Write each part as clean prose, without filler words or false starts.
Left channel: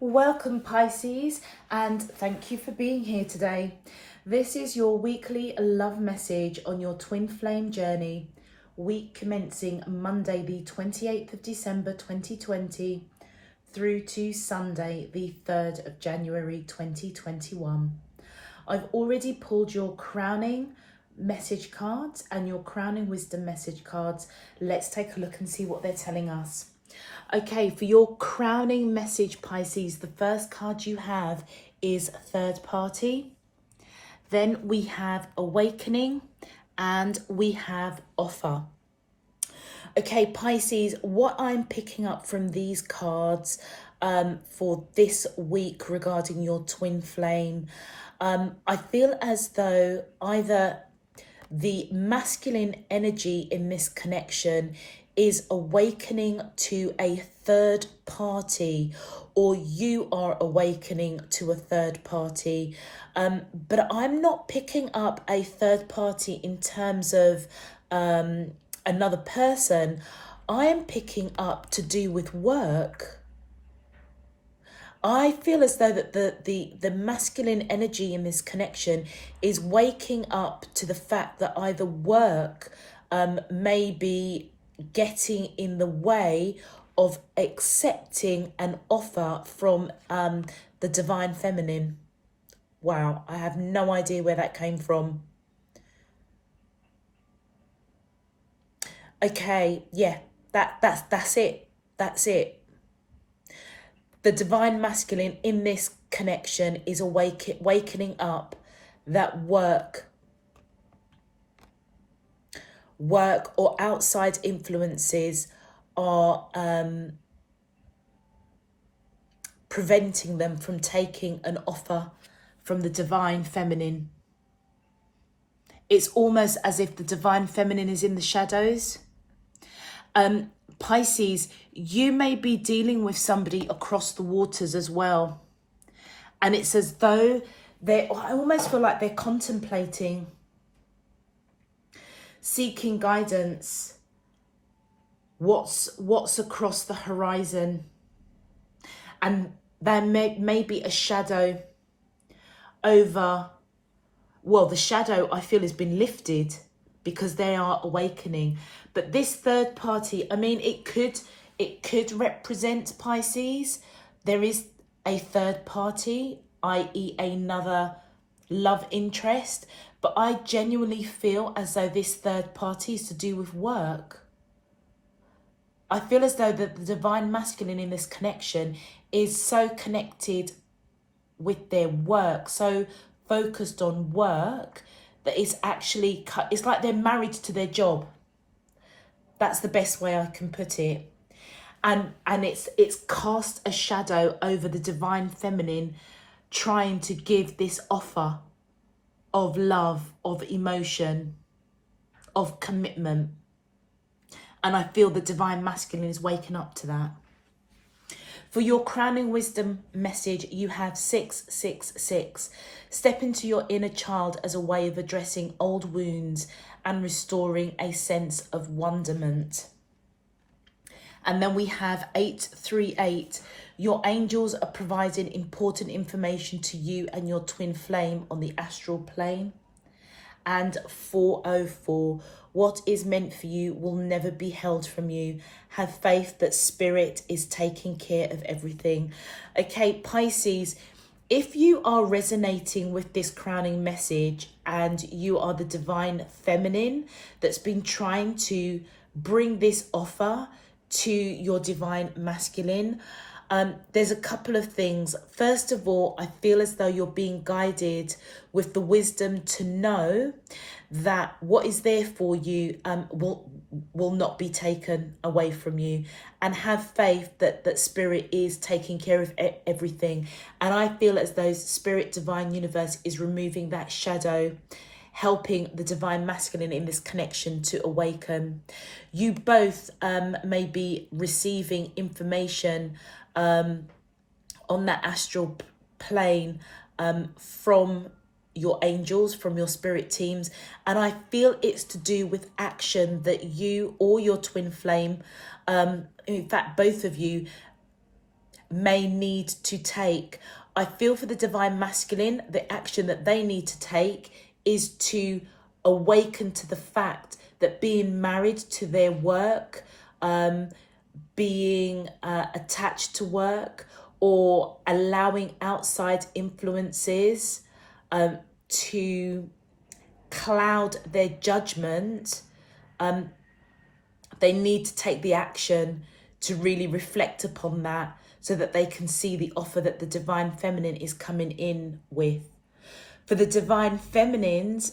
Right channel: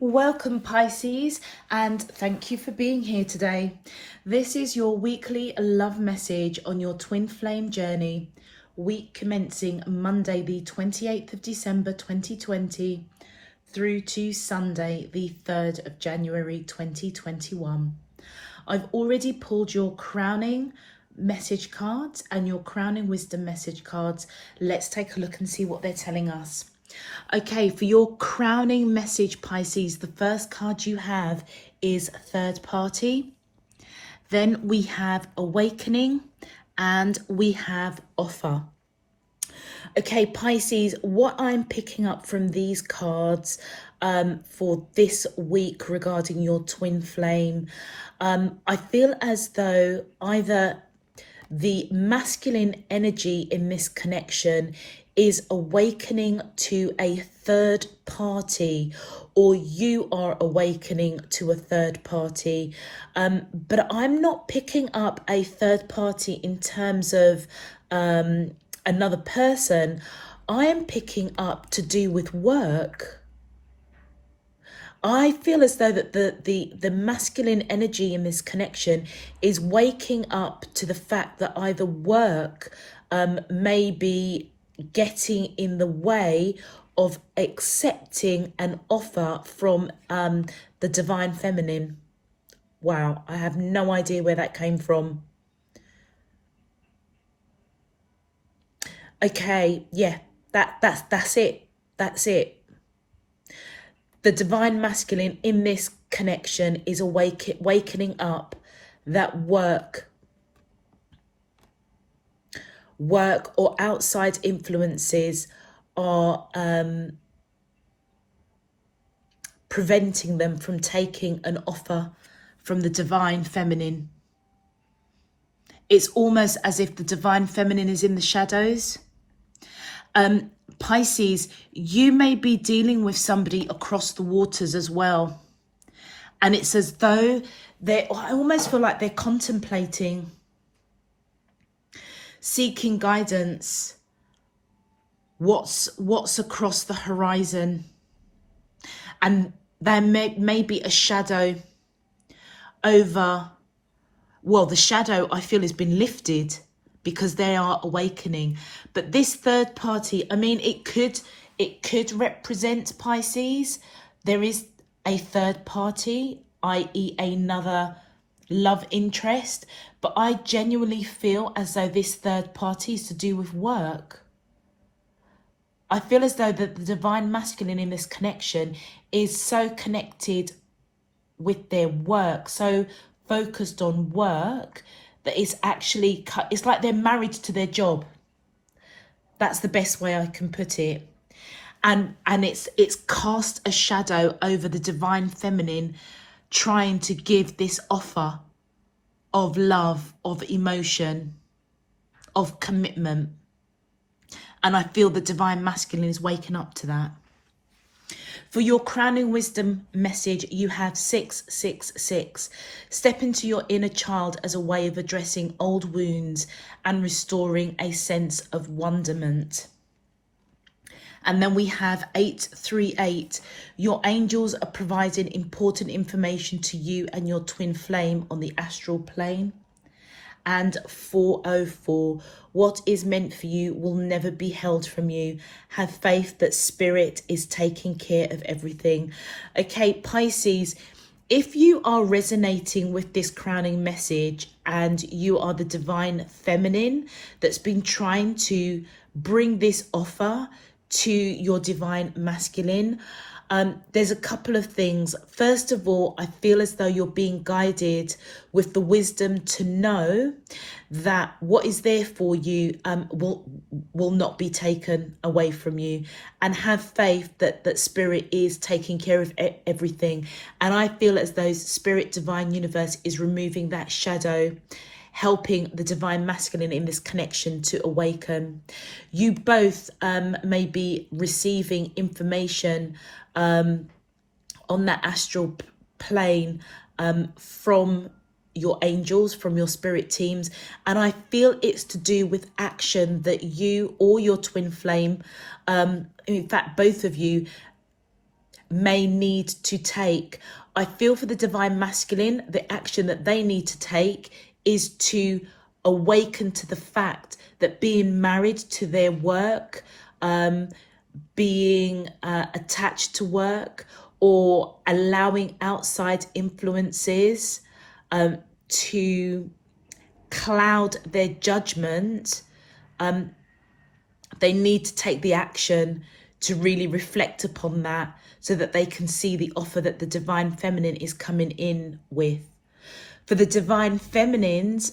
Welcome Pisces, and thank you for being here today. This is your weekly love message on your twin flame journey, week commencing Monday the 28th of December 2020 through to Sunday the 3rd of January 2021. I've already pulled your crowning message cards and your crowning wisdom message cards. Let's take a look and see what they're telling us. Okay, for your crowning message, Pisces, the first card you have is third party. Then we have awakening and we have offer. Okay, Pisces, what I'm picking up from these cards for this week regarding your twin flame, I feel as though either the masculine energy in this connection is awakening to a third party, or you are awakening to a third party. But I'm not picking up a third party in terms of another person. I am picking up to do with work. I feel as though that the masculine energy in this connection is waking up to the fact that either work may be getting in the way of accepting an offer from the divine feminine. Wow, I have no idea where that came from. Okay, yeah, that's it. That's it. The divine masculine in this connection is wakening up that work or outside influences are preventing them from taking an offer from the divine feminine. It's almost as if the divine feminine is in the shadows. Pisces, you may be dealing with somebody across the waters as well. And it's as though I almost feel like they're contemplating, seeking guidance, what's across the horizon. And there may be a shadow over, well, the shadow I feel has been lifted because they are awakening. But this third party, I mean, it could represent Pisces. There is a third party, i.e. another love interest, but I genuinely feel as though this third party is to do with work. I feel as though the divine masculine in this connection is so connected with their work, so focused on work, that it's actually, it's like they're married to their job. That's the best way I can put it. And it's cast a shadow over the divine feminine, trying to give this offer of love, of emotion, of commitment. And I feel the divine masculine is waking up to that. For your crowning wisdom message, you have 666. Step into your inner child as a way of addressing old wounds and restoring a sense of wonderment. And then we have 838. Your angels are providing important information to you and your twin flame on the astral plane. And 404. What is meant for you will never be held from you. Have faith that spirit is taking care of everything. Okay, Pisces, if you are resonating with this crowning message and you are the divine feminine that's been trying to bring this offer to your divine masculine, there's a couple of things. First of all, I feel as though you're being guided with the wisdom to know that what is there for you will not be taken away from you, and have faith that spirit is taking care of everything. And I feel as though spirit divine universe is removing that shadow, helping the divine masculine in this connection to awaken. You both may be receiving information on that astral plane from your angels, from your spirit teams, and I feel it's to do with action that you or your twin flame, in fact both of you, may need to take. I feel for the divine masculine, the action that they need to take is to awaken to the fact that being married to their work, being attached to work, or allowing outside influences to cloud their judgment, they need to take the action to really reflect upon that so that they can see the offer that the divine feminine is coming in with. For the divine feminines,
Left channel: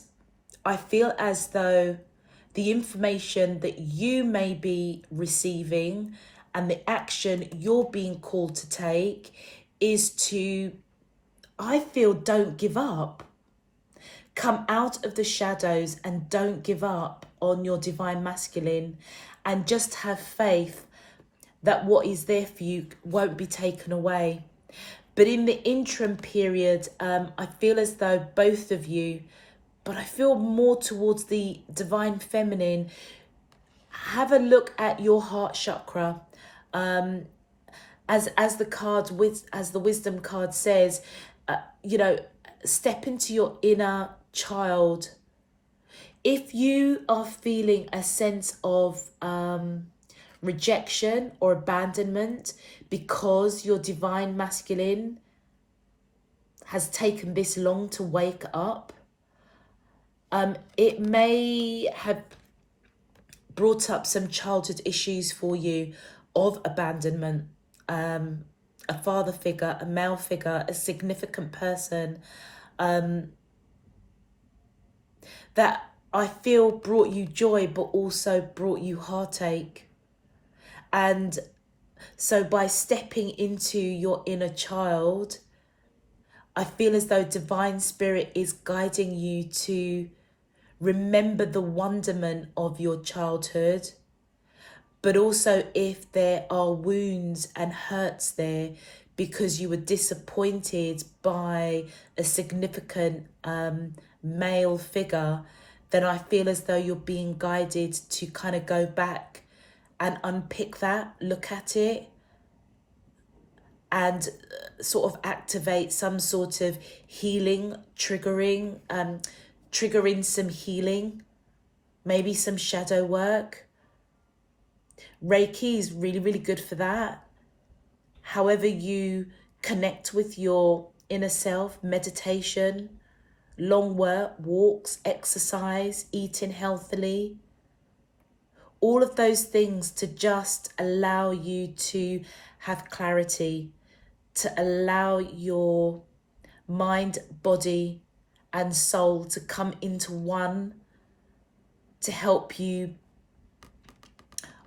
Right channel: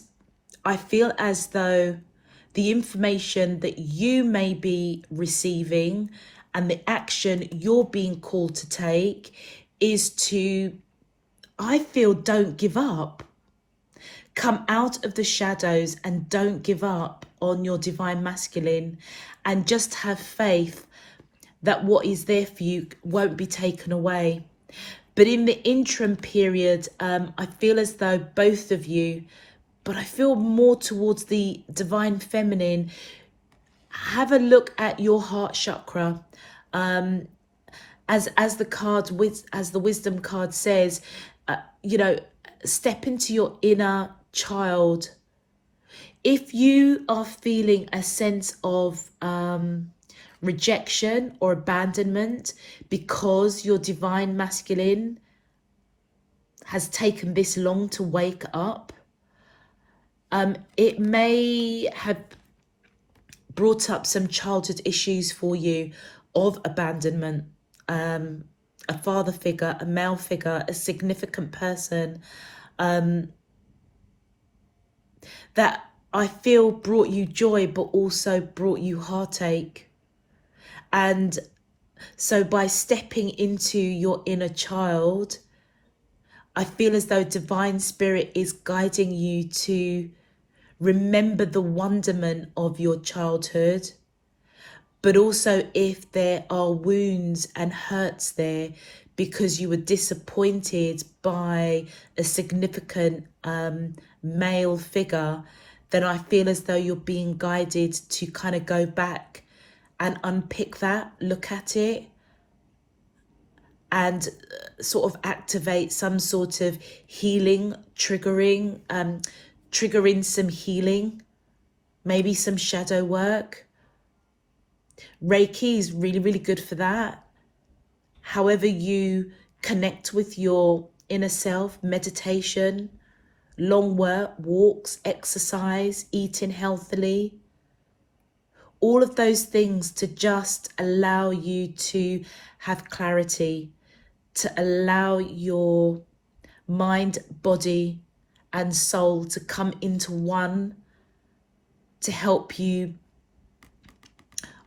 I feel as though the information that you may be receiving and the action you're being called to take is to, I feel, don't give up. Come out of the shadows and don't give up on your divine masculine, and just have faith that what is there for you won't be taken away. But in the interim period, I feel as though both of you, but I feel more towards the divine feminine, have a look at your heart chakra. As the wisdom card says, step into your inner child. If you are feeling a sense of rejection or abandonment because your divine masculine has taken this long to wake up, it may have brought up some childhood issues for you of abandonment. A father figure, a male figure, a significant person that I feel brought you joy but also brought you heartache. And so by stepping into your inner child, I feel as though divine spirit is guiding you to remember the wonderment of your childhood, but also if there are wounds and hurts there because you were disappointed by a significant male figure, then I feel as though you're being guided to kind of go back and unpick that, look at it, and sort of activate some sort of healing, triggering some healing, maybe some shadow work. Reiki is really, really good for that. However you connect with your inner self, meditation, long walks, exercise, eating healthily, all of those things to just allow you to have clarity, to allow your mind, body, and soul to come into one, to help you,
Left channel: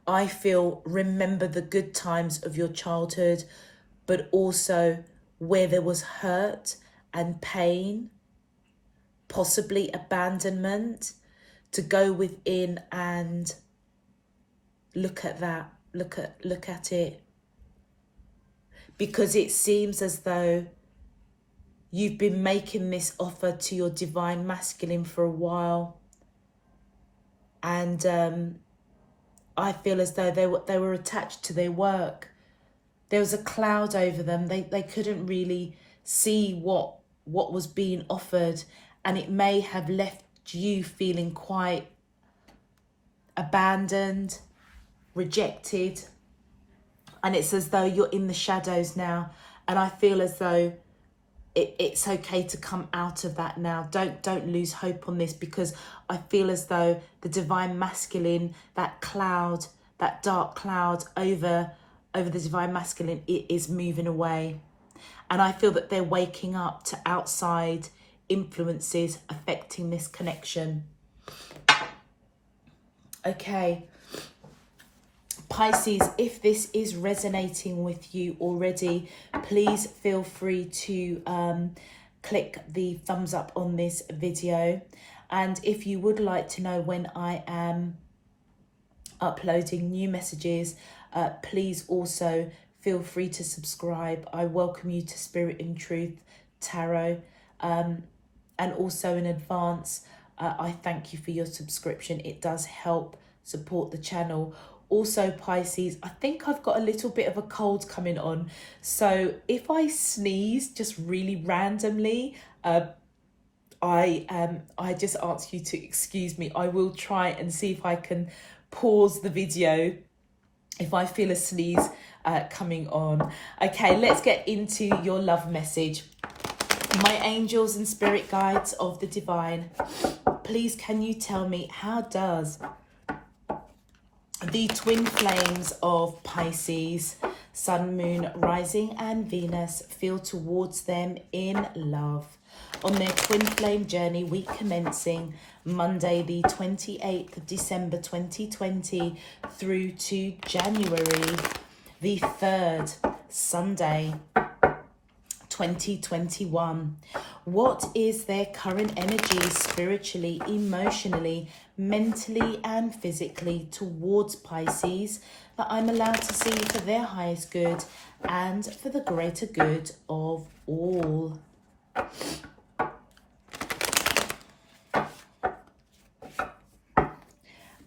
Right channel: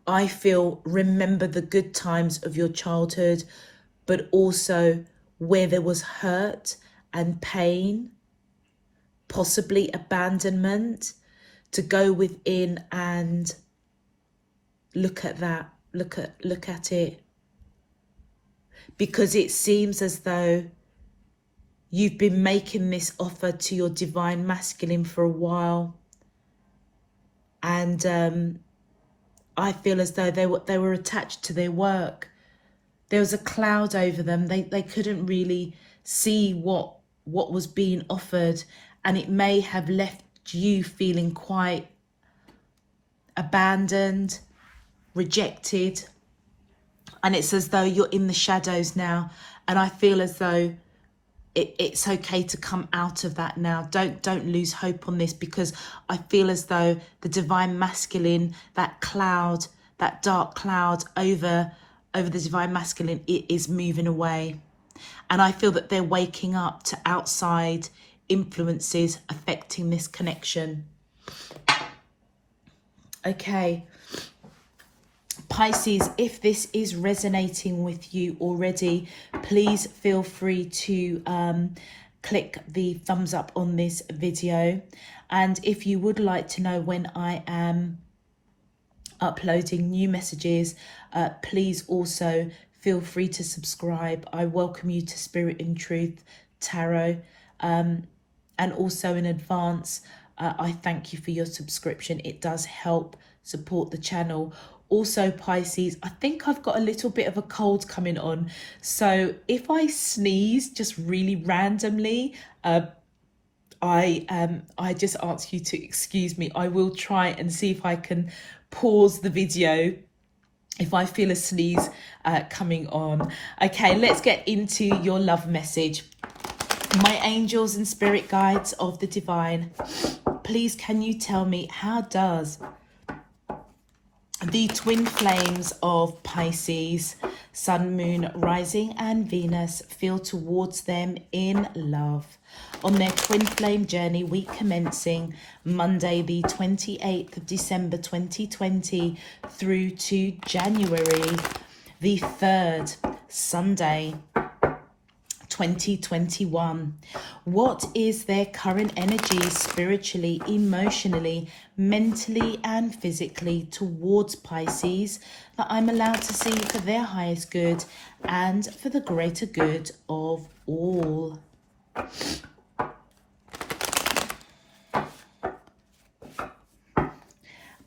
I feel, remember the good times of your childhood, but also where there was hurt and pain, possibly abandonment, to go within and look at that, look at it. Because it seems as though you've been making this offer to your divine masculine for a while, and I feel as though they were attached to their work. There was a cloud over them. They couldn't really see what was being offered, and it may have left you feeling quite abandoned, rejected, and it's as though you're in the shadows now. And I feel as though it's okay to come out of that now. Don't lose hope on this, because I feel as though the divine masculine, that cloud, that dark cloud over the divine masculine, it is moving away. And I feel that they're waking up to outside influences affecting this connection. Okay. Pisces, if this is resonating with you already, please feel free to click the thumbs up on this video. And if you would like to know when I am uploading new messages, please also feel free to subscribe. I welcome you to Spirit in Truth Tarot. And also in advance, I thank you for your subscription. It does help support the channel. Also, Pisces, I think I've got a little bit of a cold coming on. So if I sneeze just really randomly, I just ask you to excuse me. I will try and see if I can pause the video if I feel a sneeze coming on. Okay, let's get into your love message. My angels and spirit guides of the divine, please can you tell me, how does the twin flames of Pisces, Sun, Moon, Rising and Venus feel towards them in love on their twin flame journey, week commencing Monday the 28th of December 2020 through to January the 3rd, Sunday 2021. What is their current energy spiritually, emotionally, mentally and physically towards Pisces that I'm allowed to see for their highest good and for the greater good of all?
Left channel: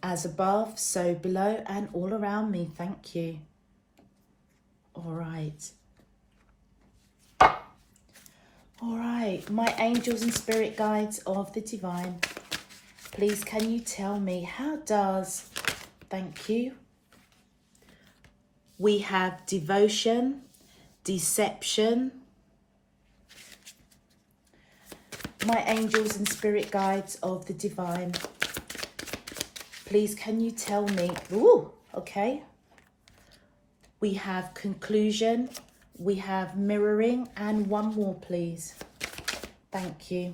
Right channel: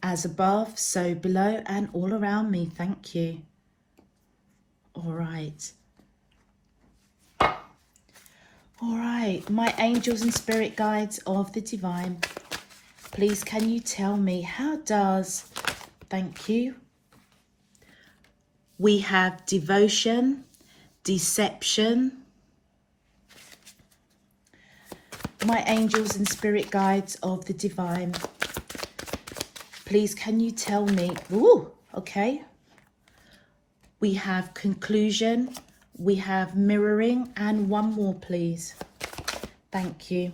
As above, so below and all around me. Thank you. All right. All right, my angels and spirit guides of the divine, please can you tell me, how does, thank you, we have devotion, deception. My angels and spirit guides of the divine, please can you tell me, ooh, okay. We have conclusion, we have mirroring, and one more please. Thank you.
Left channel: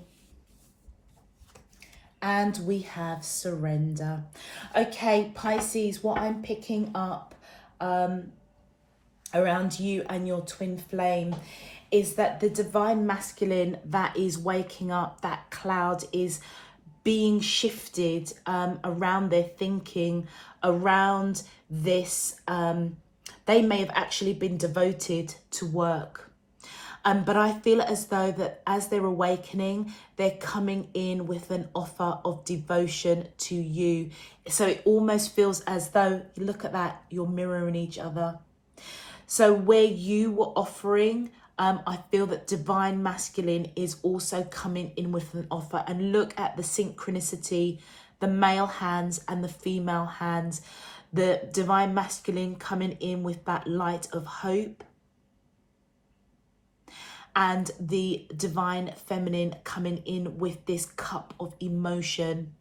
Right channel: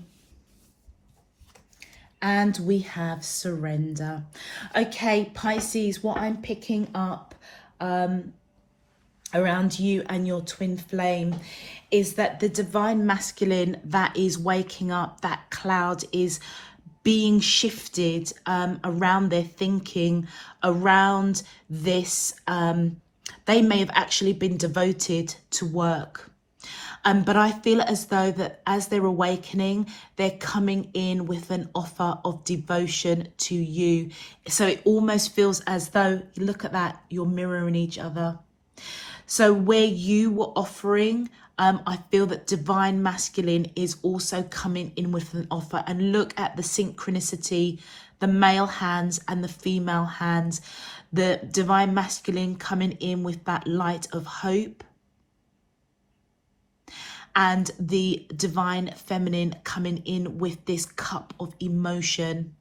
And we have surrender. Okay, Pisces, what I'm picking up around you and your twin flame is that the divine masculine that is waking up, that cloud is being shifted around their thinking, around this. They may have actually been devoted to work. But I feel as though that as they're awakening, they're coming in with an offer of devotion to you. So it almost feels as though, look at that, you're mirroring each other. So where you were offering, I feel that divine masculine is also coming in with an offer. And look at the synchronicity, the male hands and the female hands. The divine masculine coming in with that light of hope, and the divine feminine coming in with this cup of emotion.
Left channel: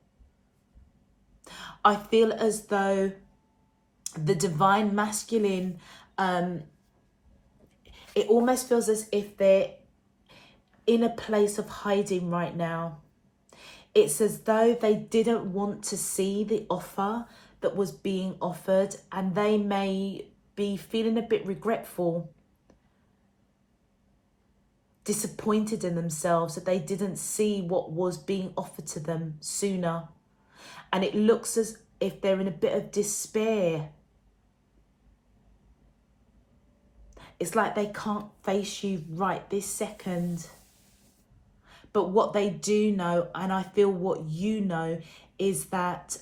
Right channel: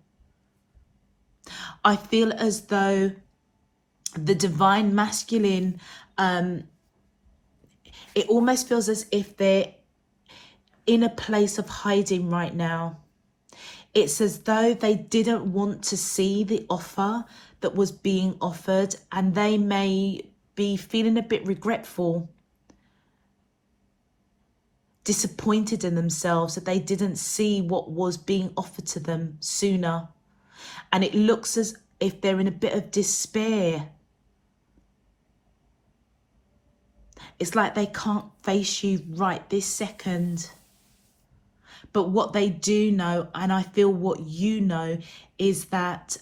I feel as though the divine masculine, it almost feels as if they're in a place of hiding right now. It's as though they didn't want to see the offer that was being offered, and they may be feeling a bit regretful, disappointed in themselves that they didn't see what was being offered to them sooner. And it looks as if they're in a bit of despair. It's like they can't face you right this second. But what they do know, and I feel what you know, is that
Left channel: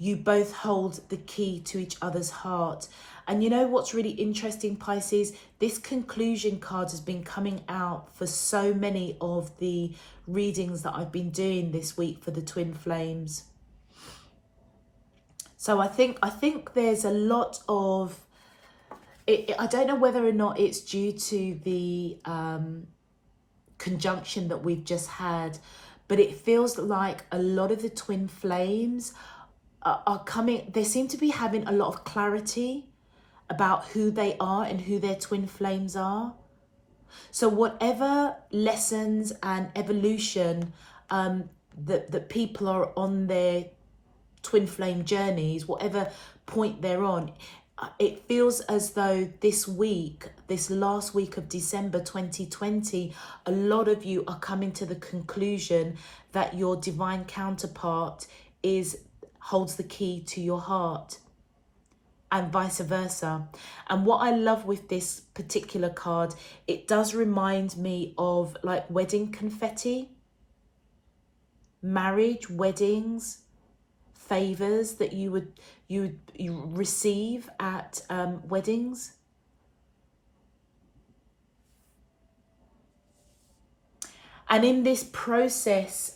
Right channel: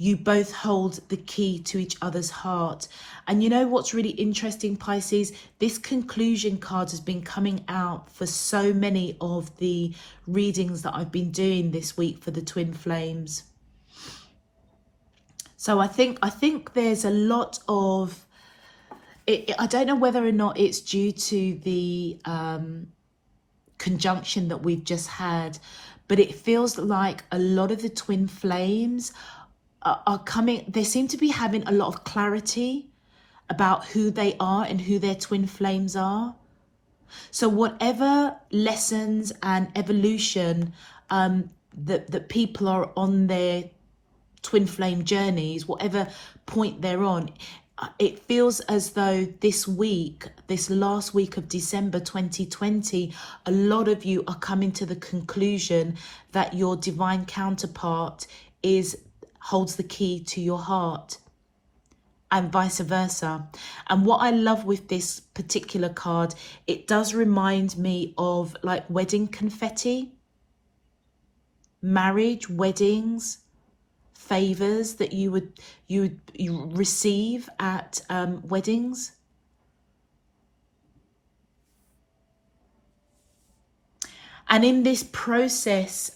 you both hold the key to each other's heart. And you know what's really interesting, Pisces? This conclusion card has been coming out for so many of the readings that I've been doing this week for the twin flames. So I think there's a lot of, I don't know whether or not it's due to the conjunction that we've just had, but it feels like a lot of the twin flames are coming, they seem to be having a lot of clarity about who they are and who their twin flames are. So whatever lessons and evolution that people are on their twin flame journeys, whatever point they're on, it feels as though this week, this last week of December 2020, a lot of you are coming to the conclusion that your divine counterpart holds the key to your heart, and vice versa. And what I love with this particular card, it does remind me of like wedding confetti, marriage, weddings, favors that you receive at weddings. And in this process,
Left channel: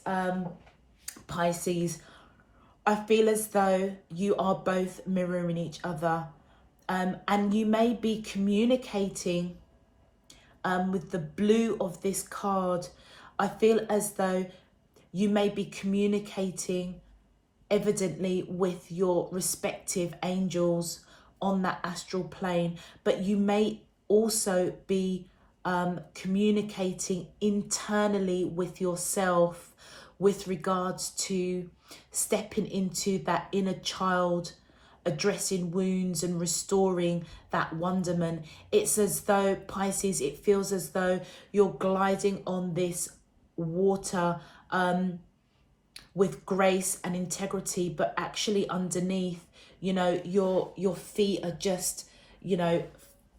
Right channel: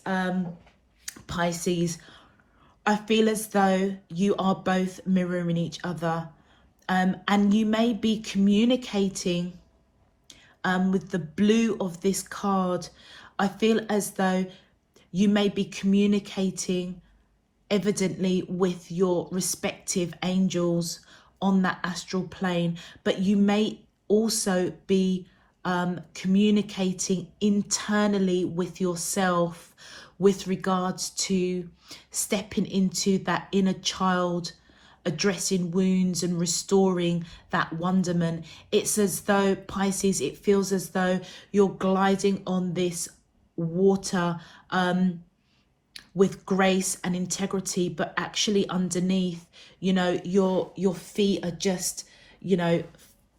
Pisces, I feel as though you are both mirroring each other, and you may be communicating with the blue of this card. I feel as though you may be communicating evidently with your respective angels on that astral plane, but you may also be communicating internally with yourself with regards to stepping into that inner child, addressing wounds and restoring that wonderment. It's as though, Pisces, it feels as though you're gliding on this water with grace and integrity, but actually underneath, you know, your feet are just, you know,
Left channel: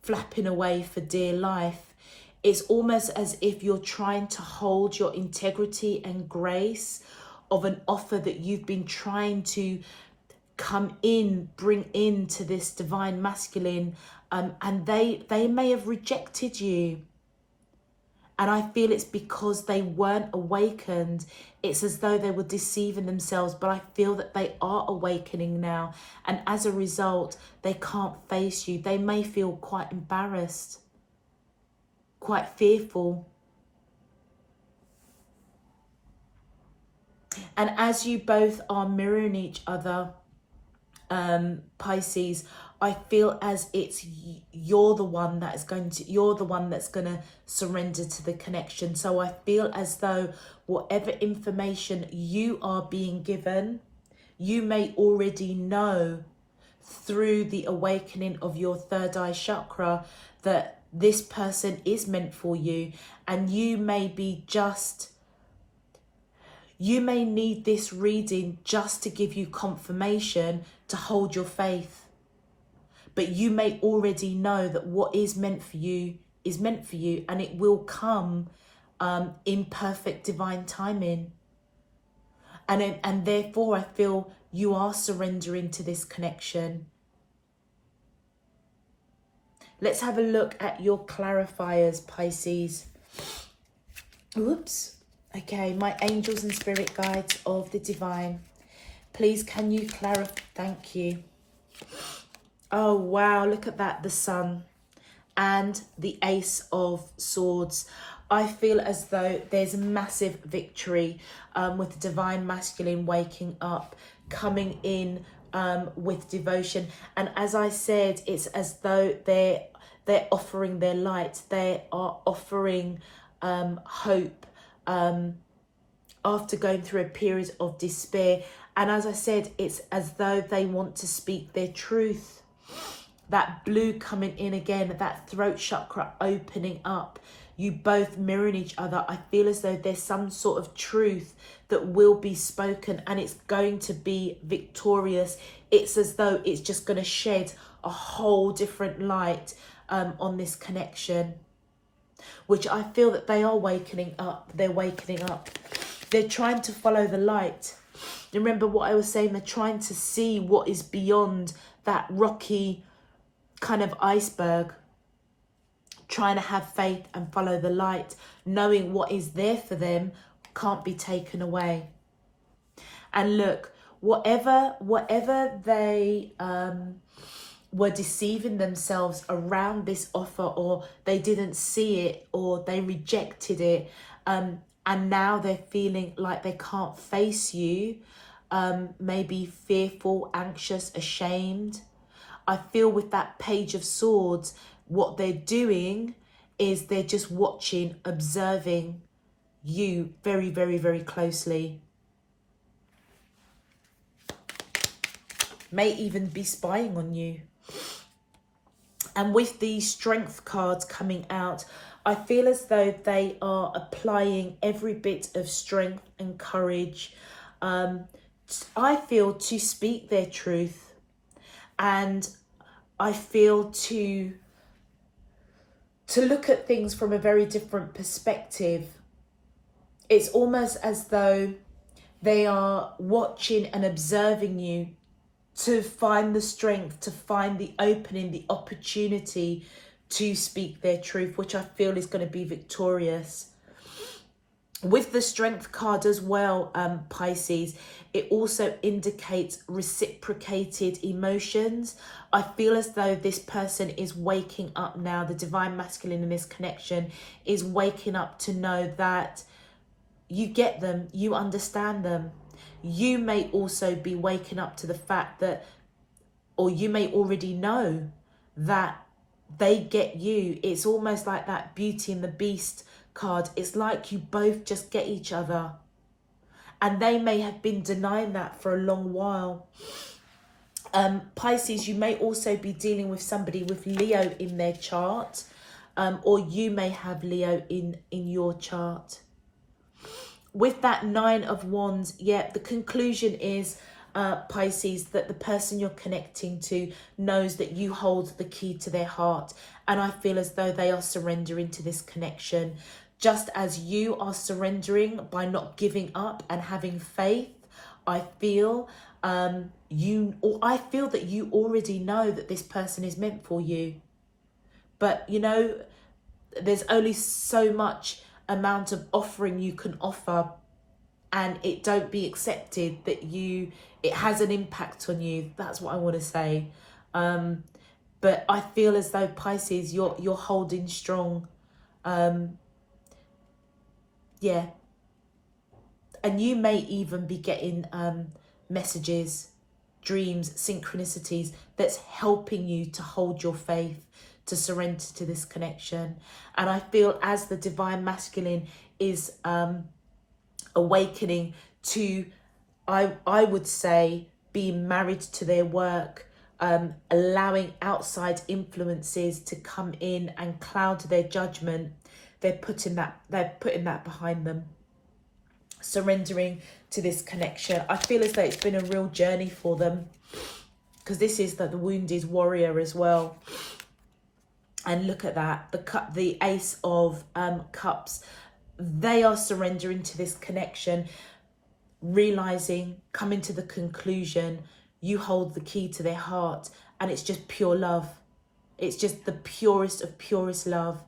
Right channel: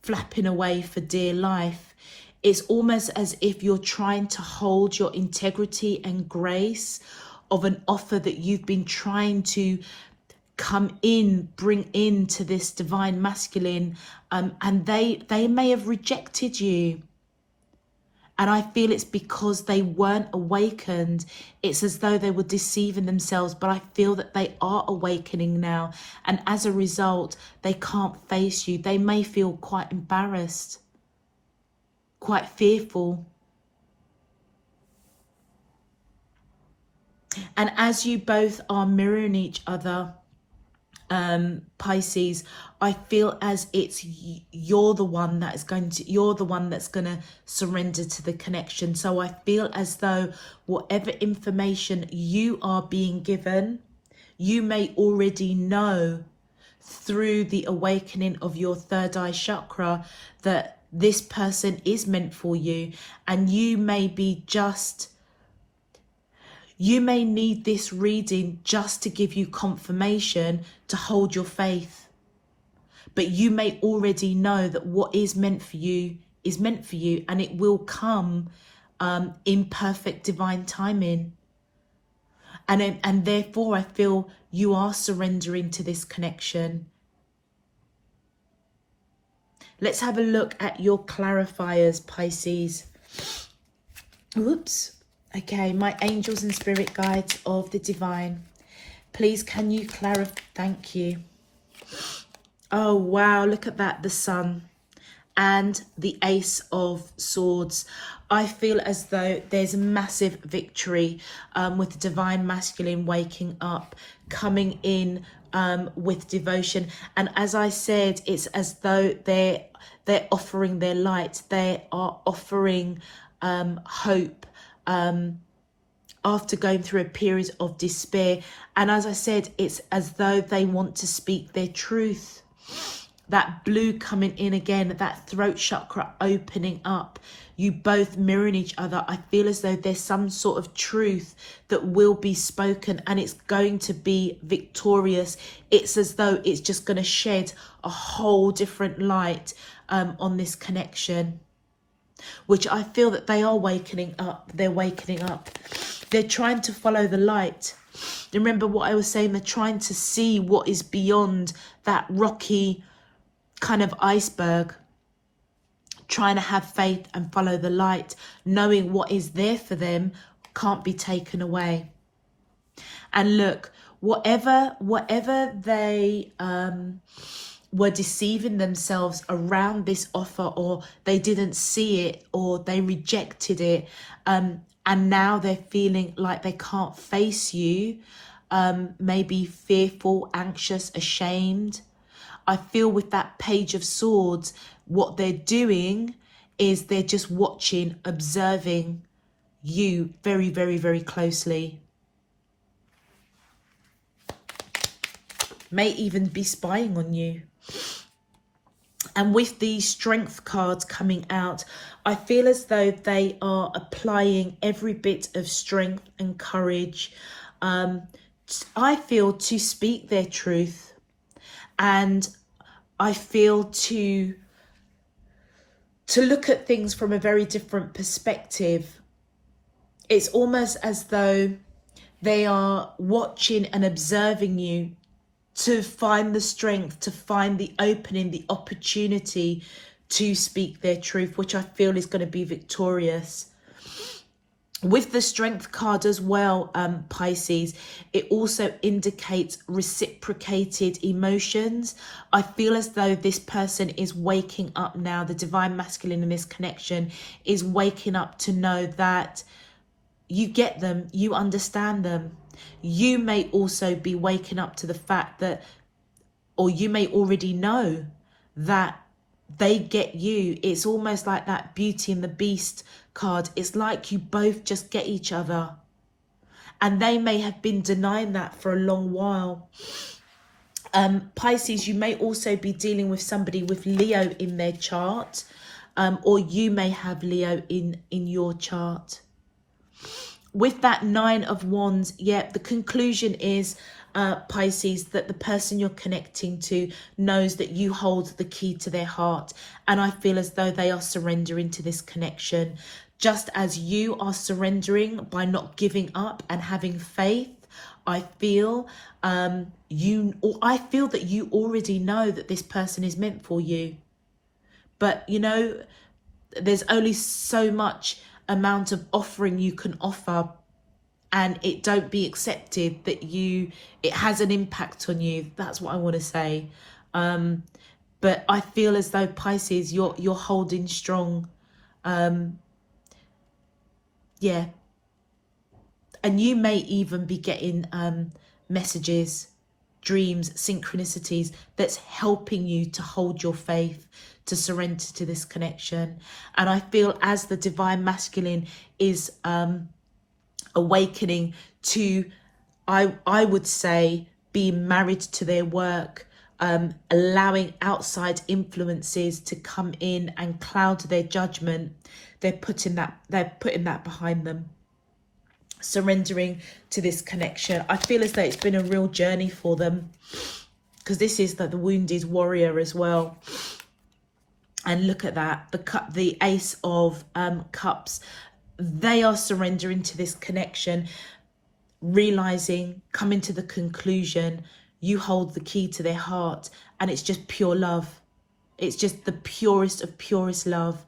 flapping away for dear life. It's almost as if you're trying to hold your integrity and grace of an offer that you've been trying to bring into this divine masculine, and they may have rejected you. And I feel it's because they weren't awakened. It's as though they were deceiving themselves, but I feel that they are awakening now. And as a result, they can't face you. They may feel quite embarrassed, quite fearful. And as you both are mirroring each other, Pisces, I feel as it's you're the one that's going to surrender to the connection. So I feel as though whatever information you are being given, you may already know through the awakening of your third eye chakra that this person is meant for you, and you may need this reading just to give you confirmation to hold your faith. But you may already know that what is meant for you is meant for you, and it will come in perfect divine timing. And therefore, I feel you are surrendering to this connection. Let's have a look at your clarifiers, Pisces. Oops. Okay, my angels and spirit guides of the divine, please can you clarify? Thank you. Oh wow, look at that, the sun and the ace of swords. I feel as though there's a massive victory with the divine masculine waking up, coming in with devotion. And as I said, it's as though they're offering their light. They are offering hope after going through a period of despair. And as I said, it's as though they want to speak their truth. That blue coming in again, that throat chakra opening up, you both mirroring each other. I feel as though there's some sort of truth that will be spoken, and it's going to be victorious. It's as though it's just going to shed a whole different light on this connection, which I feel that they are wakening up. They're wakening up. They're trying to follow the light. Remember what I was saying, they're trying to see what is beyond that rocky kind of iceberg, trying to have faith and follow the light, knowing what is there for them can't be taken away. And look, whatever they were deceiving themselves around this offer, or they didn't see it, or they rejected it, and now they're feeling like they can't face you, maybe fearful, anxious, ashamed. I feel with that Page of Swords, what they're doing is they're just watching, observing you very, very, very closely. May even be spying on you. And with the Strength cards coming out, I feel as though they are applying every bit of strength and courage, I feel, to speak their truth. And I feel to look at things from a very different perspective. It's almost as though They are watching and observing you to find the strength, to find the opening, the opportunity to speak their truth, which I feel is going to be victorious. With the Strength card as well, Pisces, it also indicates reciprocated emotions. I feel as though this person is waking up now. The Divine Masculine in this connection is waking up to know that you get them, you understand them. You may also be waking up to the fact that, or you may already know that they get you. It's almost like that Beauty and the Beast card. It's like you both just get each other. And they may have been denying that for a long while. Pisces, you may also be dealing with somebody with Leo in their chart. Or you may have Leo in your chart. With that Nine of Wands, yeah, the conclusion is, Pisces, that the person you're connecting to knows that you hold the key to their heart. And I feel as though they are surrendering to this connection. Just as you are surrendering by not giving up and having faith, I feel that you already know that this person is meant for you. But you know, there's only so much amount of offering you can offer, and it don't be accepted that it has an impact on you. That's what I want to say. But I feel as though, Pisces, you're holding strong. Yeah. And you may even be getting messages, dreams, synchronicities that's helping you to hold your faith, to surrender to this connection. And I feel as the Divine Masculine is awakening to, I would say, being married to their work, allowing outside influences to come in and cloud their judgment, they're putting that behind them, surrendering to this connection. I feel as though it's been a real journey for them, because this is the wounded warrior as well. And look at that, the Ace of Cups. They are surrendering to this connection, realizing, coming to the conclusion, you hold the key to their heart, and it's just pure love. It's just the purest of purest love.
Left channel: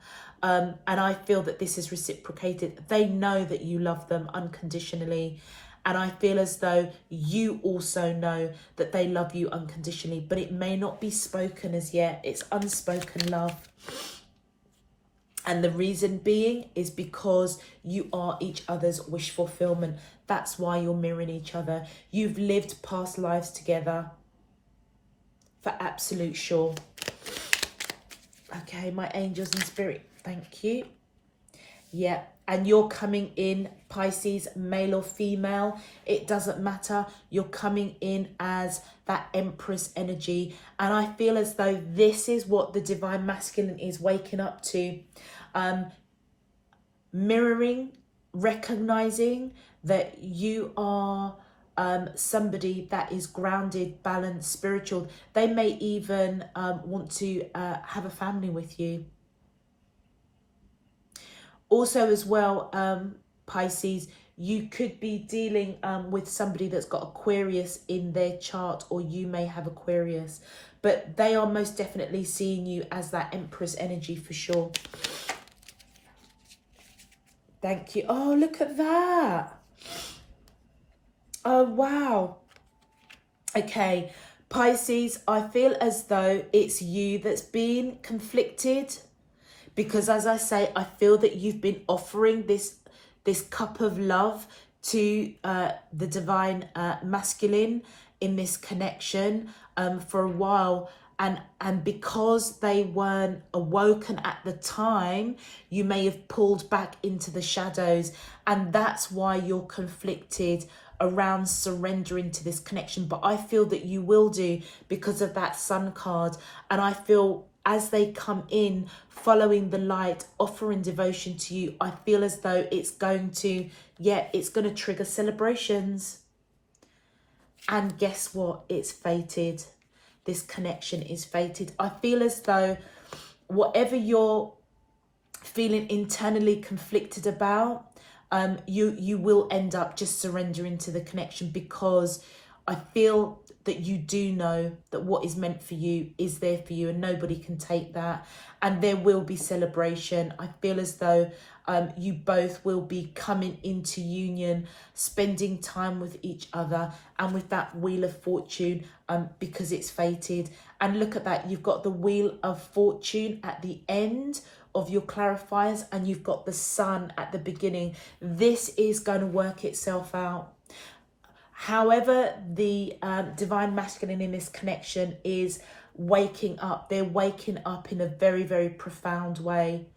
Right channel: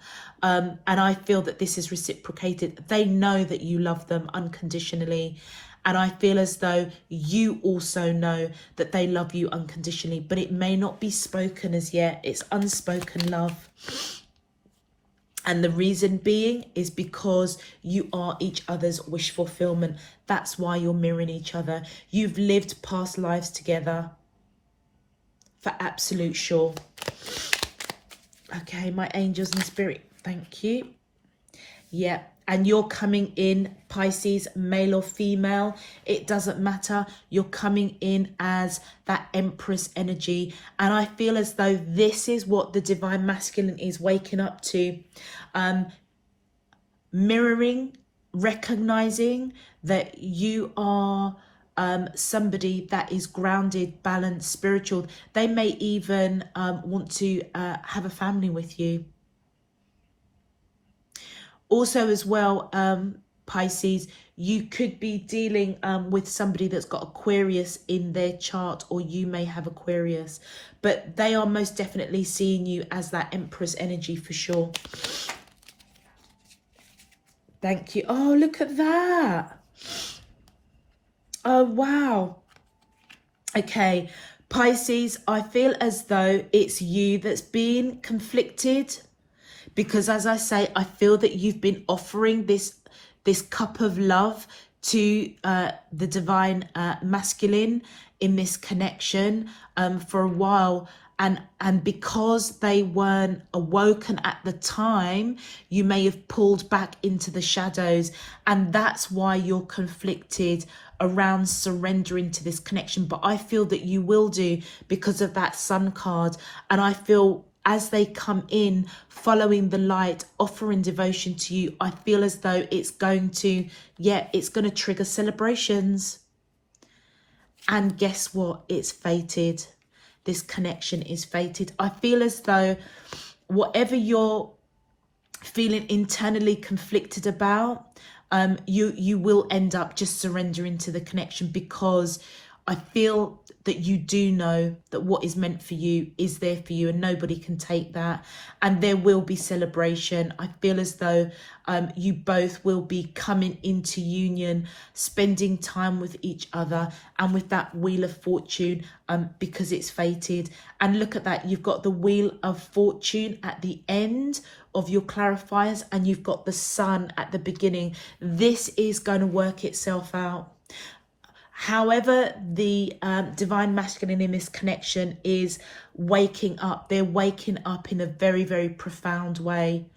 And I feel that this is reciprocated. They know that you love them unconditionally. And I feel as though you also know that they love you unconditionally, but it may not be spoken as yet. It's unspoken love. And the reason being is because you are each other's wish fulfillment. That's why you're mirroring each other. You've lived past lives together, for absolute sure. Okay, my angels and spirit, thank you. Yeah, and you're coming in, Pisces, male or female, it doesn't matter. You're coming in as that Empress energy. And I feel as though this is what the Divine Masculine is waking up to. Mirroring, recognizing that you are somebody that is grounded, balanced, spiritual. They may even want to have a family with you. Also as well, Pisces, you could be dealing with somebody that's got Aquarius in their chart, or you may have Aquarius, but they are most definitely seeing you as that Empress energy for sure. Thank you. Oh, look at that. Oh, wow. Okay, Pisces, I feel as though it's you that's being conflicted, because as I say, I feel that you've been offering this cup of love to the Divine Masculine in this connection for a while. And because they weren't awoken at the time, you may have pulled back into the shadows. And that's why you're conflicted around surrendering to this connection. But I feel that you will do, because of that Sun card. And I feel as they come in, following the light, offering devotion to you, I feel as though it's going to, it's going to trigger celebrations. And guess what? It's fated. This connection is fated. I feel as though whatever you're feeling internally conflicted about, you will end up just surrendering to the connection, because I feel that you do know that what is meant for you is there for you, and nobody can take that. And there will be celebration. I feel as though you both will be coming into union, spending time with each other, and with that Wheel of Fortune, because it's fated. And look at that, you've got the Wheel of Fortune at the end of your clarifiers, and you've got the Sun at the beginning. This is going to work itself out. However, the divine masculine in this connection is waking up. They're waking up in a very, very profound way.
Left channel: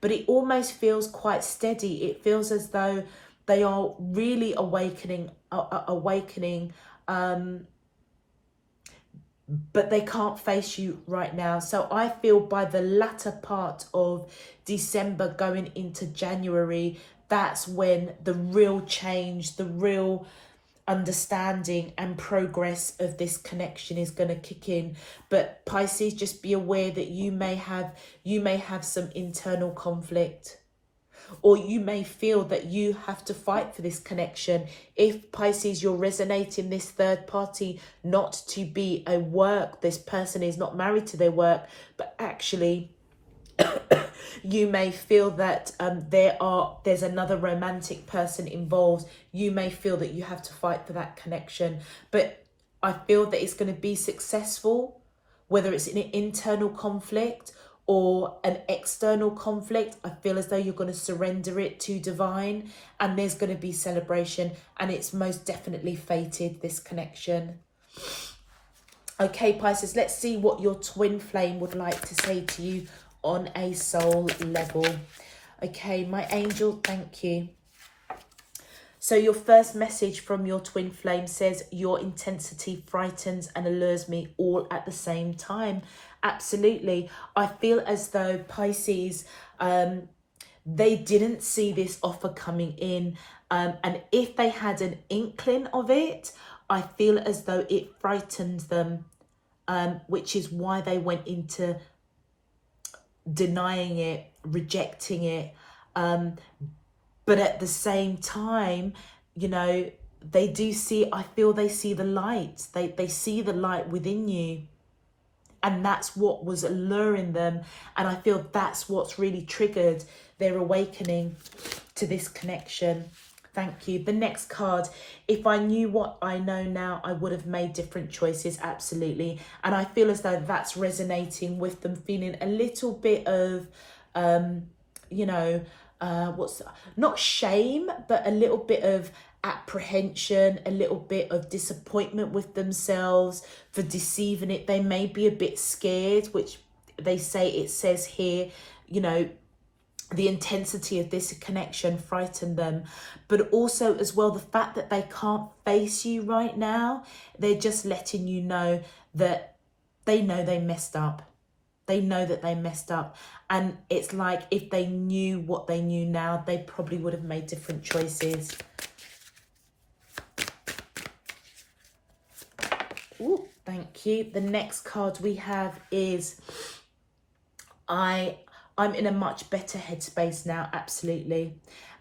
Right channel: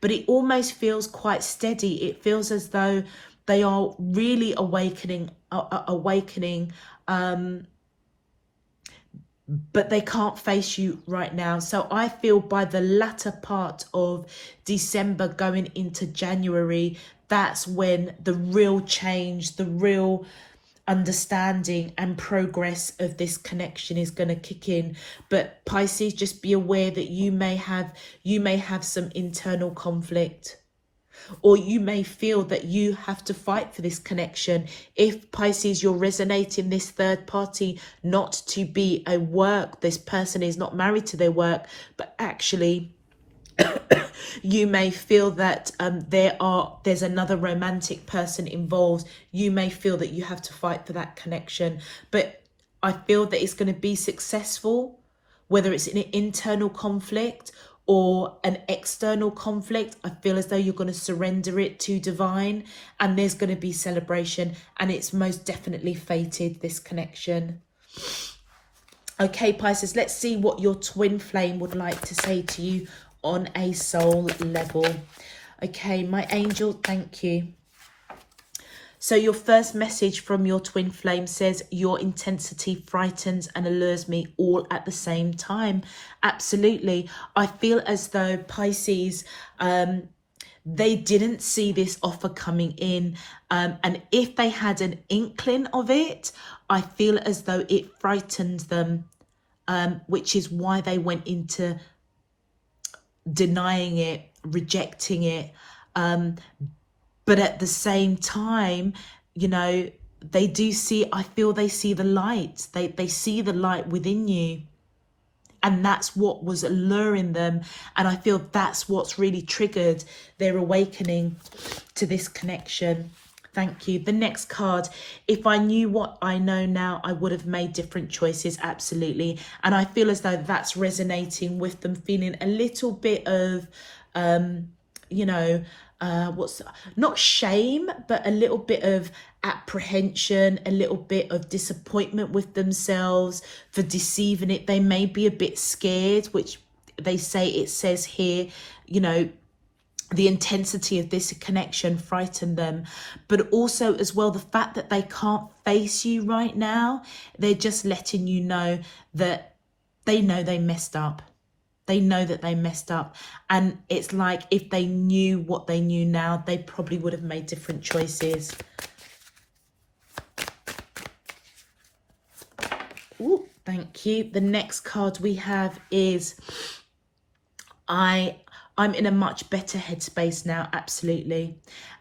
But it almost feels quite steady. It feels as though they are really awakening, but they can't face you right now. So I feel by the latter part of December going into January, that's when the real change, the real understanding and progress of this connection is going to kick in. But Pisces, just be aware that you may have some internal conflict, or you may feel that you have to fight for this connection. If Pisces, you're resonating this third party not to be a work, this person is not married to their work, but actually you may feel that there's another romantic person involved. You may feel that you have to fight for that connection, but I feel that it's going to be successful, whether it's an internal conflict or an external conflict. I feel as though you're going to surrender it to divine, and there's going to be celebration, and it's most definitely fated, this connection. Okay, Pisces, let's see what your twin flame would like to say to you on a soul level. Okay, my angel, thank you. So your first message from your twin flame says, your intensity frightens and allures me all at the same time. Absolutely. I feel as though Pisces, they didn't see this offer coming in. And if they had an inkling of it, I feel as though it frightened them, which is why they went into denying it, rejecting it. But at the same time, you know, they do see, I feel they see the light. They see the light within you. And that's what was alluring them. And I feel that's what's really triggered their awakening to this connection. Thank you. The next card, if I knew what I know now, I would have made different choices. Absolutely. And I feel as though that's resonating with them, feeling a little bit of, you know, not shame, but a little bit of apprehension, a little bit of disappointment with themselves for deceiving it. They may be a bit scared, which they say, it says here, you know, the intensity of this connection frightened them, but also as well the fact that they can't face you right now. They're just letting you know that they know they messed up. They know that they messed up, and it's like if they knew what they knew now, they probably would have made different choices. Ooh, thank you. The next card we have is I'm in a much better headspace now, absolutely.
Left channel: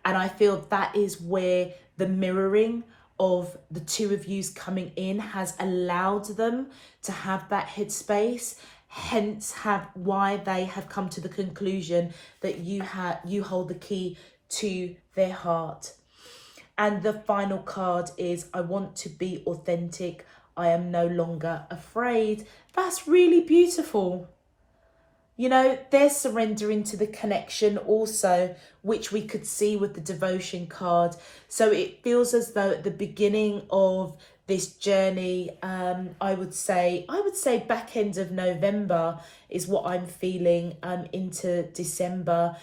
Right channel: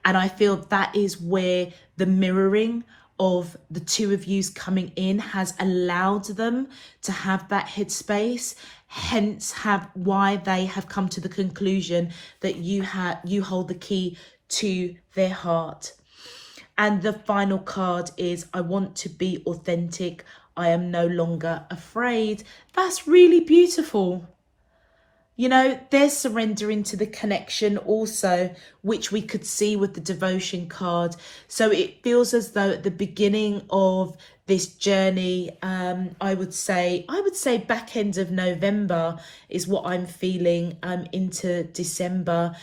And I feel that is where the mirroring of the two of yous coming in has allowed them to have that headspace, hence why they have come to the conclusion that you hold the key to their heart. And the final card is, I want to be authentic. I am no longer afraid. That's really beautiful. You know, they're surrendering to the connection also, which we could see with the devotion card. So it feels as though at the beginning of this journey, I would say back end of November is what I'm feeling, into December.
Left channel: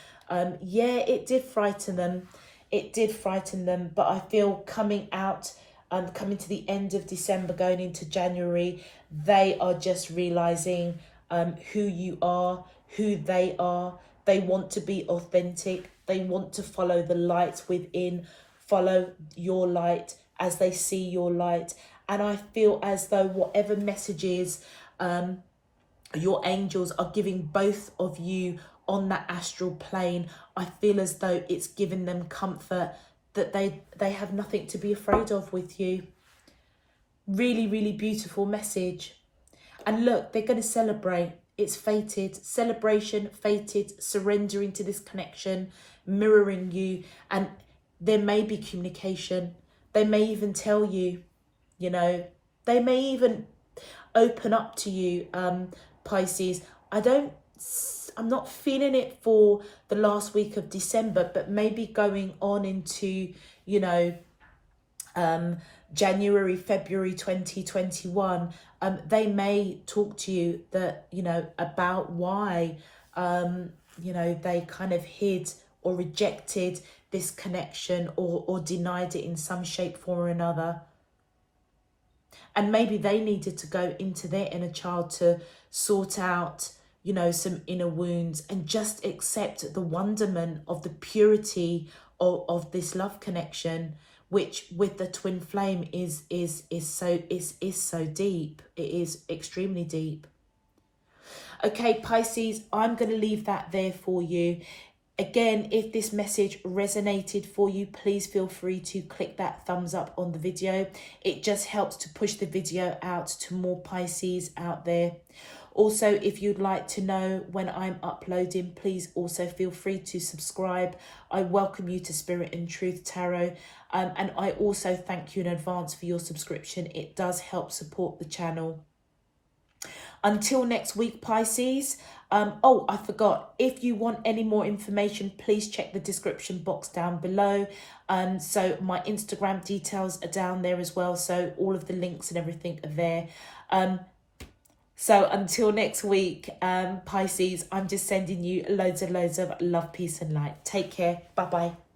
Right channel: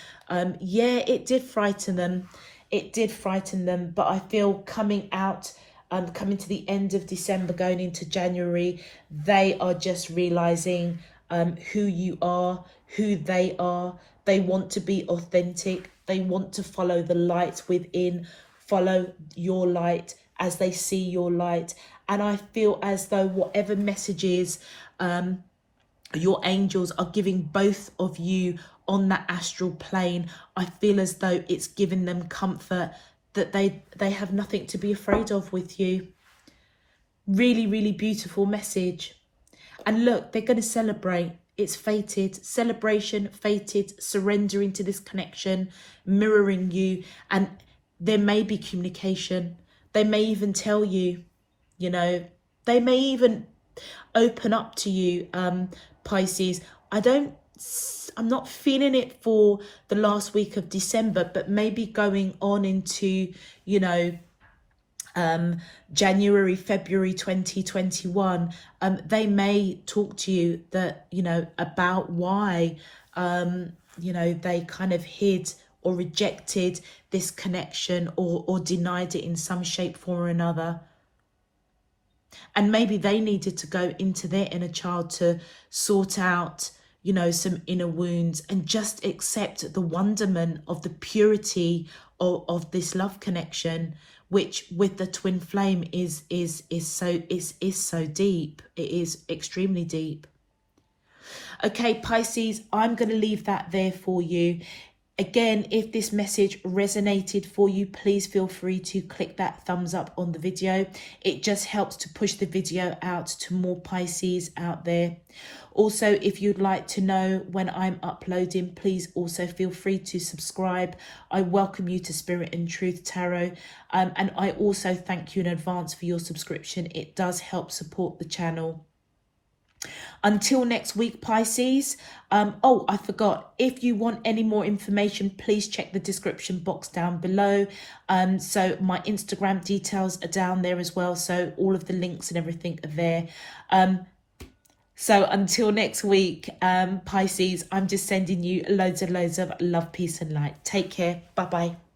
Yeah, it did frighten them. It did frighten them, but I feel coming to the end of December, going into January, they are just realizing who you are, who they are. They want to be authentic. They want to follow the light within, follow your light as they see your light. And I feel as though whatever messages your angels are giving both of you on that astral plane, I feel as though it's giving them comfort, that they have nothing to be afraid of with you. Really, really beautiful message. And look, they're going to celebrate. It's fated. Celebration, fated, surrendering to this connection, mirroring you. And there may be communication. They may even tell you, you know, they may even open up to you, Pisces. I'm not feeling it for the last week of December, but maybe going on into, you know, January, February 2021, they may talk to you that, you know, about why, you know, they kind of hid or rejected this connection or denied it in some shape, form or another. And maybe they needed to go into their inner child to sort out, you know, some inner wounds and just accept the wonderment of the purity of this love connection, which with the twin flame is so deep. It is extremely deep. Okay, Pisces, I'm going to leave that there for you. Again, if this message resonated for you, please feel free to click that thumbs up on the video. It just helps to push the video out to more Pisces out there. Also, if you'd like to know when I'm uploading, please also feel free to subscribe. I welcome you to Spirit and Truth Tarot. And I also thank you in advance for your subscription. It does help support the channel. Until next week, Pisces. Oh, I forgot. If you want any more information, please check the description box down below. So my Instagram details are down there as well. So all of the links and everything are there. So until next week, Pisces, I'm just sending you loads and loads of love, peace and light. Take care. Bye-bye.